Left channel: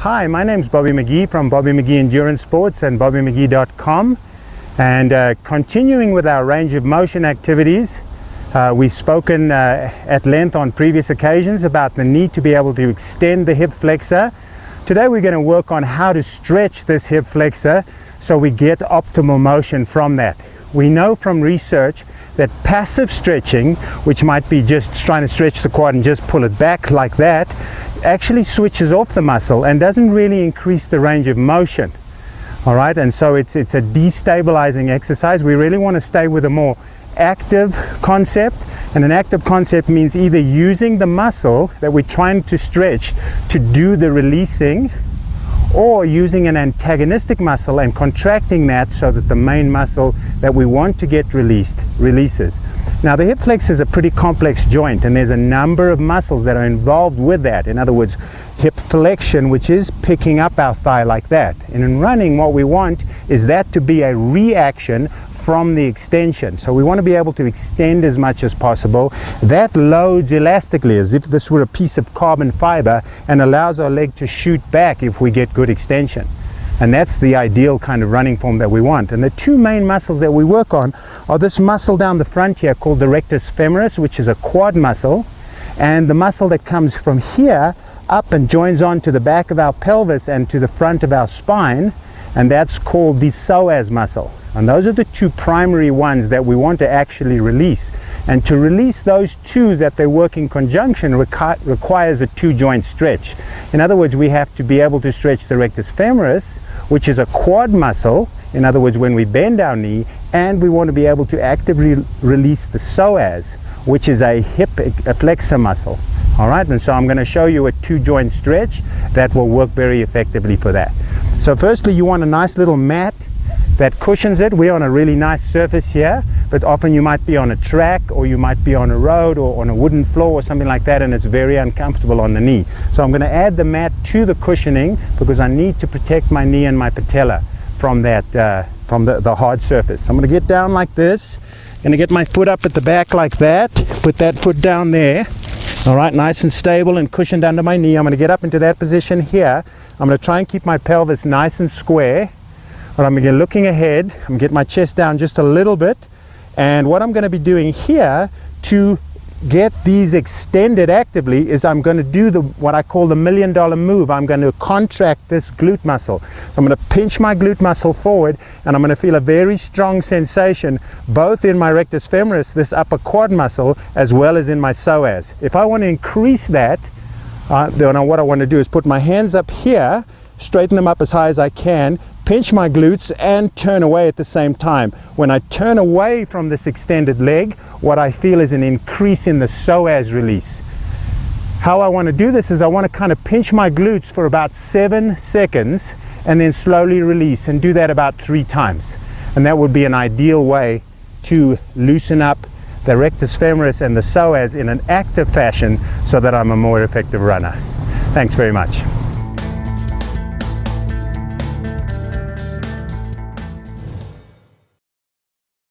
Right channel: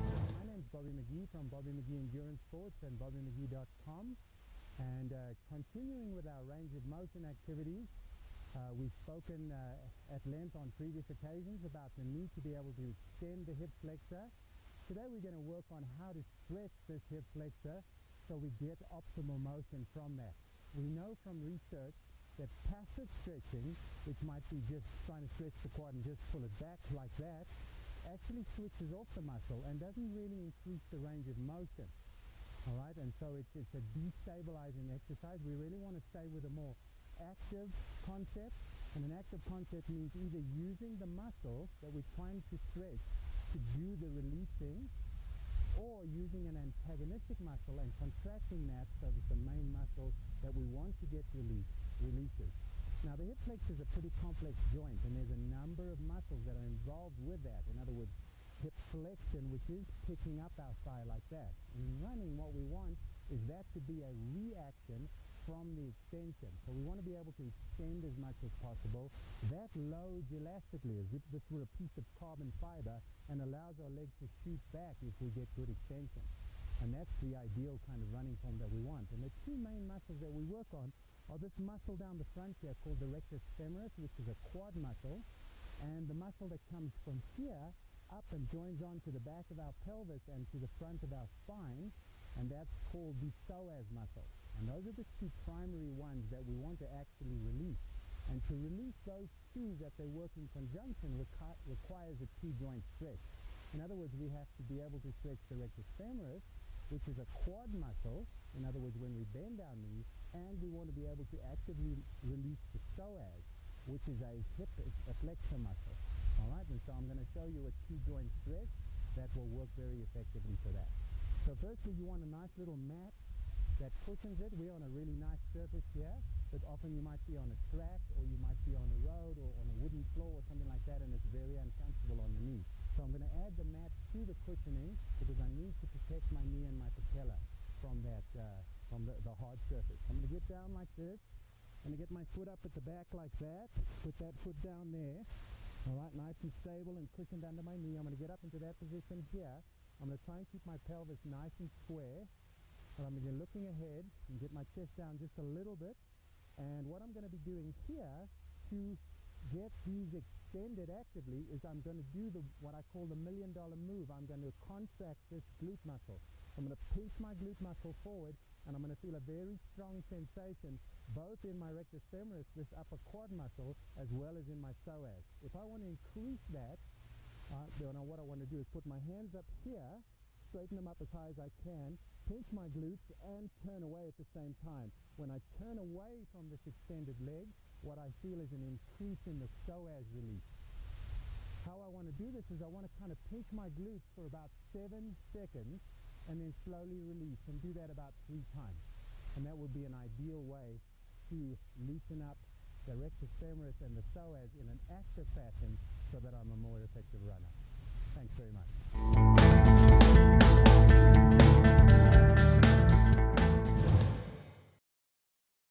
Hi, my name is Bobby McGee from Bobby McGee Endurance Sports and BobbyMcGee.com, and continuing with our range of motion activities. We've spoken at length on previous occasions about the need to be able to extend the hip flexor. Today we're going to work on how to stretch this hip flexor so we get optimal motion from that. We know from research that passive stretching, which might be just trying to stretch the quad and just pull it back like that, actually switches off the muscle and doesn't really increase the range of motion. All right, and so it's a destabilizing exercise. We really want to stay with a more active concept, and an active concept means either using the muscle that we're trying to stretch to do the releasing, or using an antagonistic muscle and contracting that so that the main muscle that we want to get released releases. Now, the hip flexor is a pretty complex joint, and there's a number of muscles that are involved with that. In other words, hip flexion, which is picking up our thigh like that. And in running, what we want is that to be a reaction from the extension. So we want to be able to extend as much as possible. That loads elastically as if this were a piece of carbon fiber and allows our leg to shoot back if we get good extension. And that's the ideal kind of running form that we want. And the two main muscles that we work on are this muscle down the front here called the rectus femoris, which is a quad muscle, and the muscle that comes from here up and joins on to the back of our pelvis and to the front of our spine, and that's called the psoas muscle. And those are the two primary ones that we want to actually release. And to release those two that they work in conjunction requires a two-joint stretch. In other words, we have to be able to stretch the rectus femoris, which is a quad muscle, in other words, when we bend our knee, and we want to be able to actively release the psoas, which is a hip flexor muscle. All right, and so I'm going to show you a two-joint stretch that will work very effectively for that. So firstly, you want a nice little mat that cushions it. We're on a really nice surface here, but often you might be on a track, or you might be on a road or on a wooden floor or something like that, and it's very uncomfortable on the knee. So I'm going to add the mat to the cushioning because I need to protect my knee and my patella from that, from the hard surface. So I'm going to get down like this. I'm going to get my foot up at the back like that, put that foot down there. All right, nice and stable and cushioned under my knee. I'm going to get up into that position here. I'm going to try and keep my pelvis nice and square. But I'm again looking ahead. I'm going to get my chest down just a little bit. And what I'm going to be doing here to get these extended actively is I'm going to do what I call the $1 million move. I'm going to contract this glute muscle. So I'm going to pinch my glute muscle forward, and I'm going to feel a very strong sensation both in my rectus femoris, this upper quad muscle, as well as in my psoas. If I want to increase that, then what I want to do is put my hands up here, straighten them up as high as I can, pinch my glutes, and turn away at the same time. When I turn away from this extended leg, what I feel is an increase in the psoas release. How I want to do this is I want to kind of pinch my glutes for about 7 seconds and then slowly release, and do that about 3 times. And that would be an ideal way to loosen up the rectus femoris and the psoas in an active fashion so that I'm a more effective runner. Thanks very much.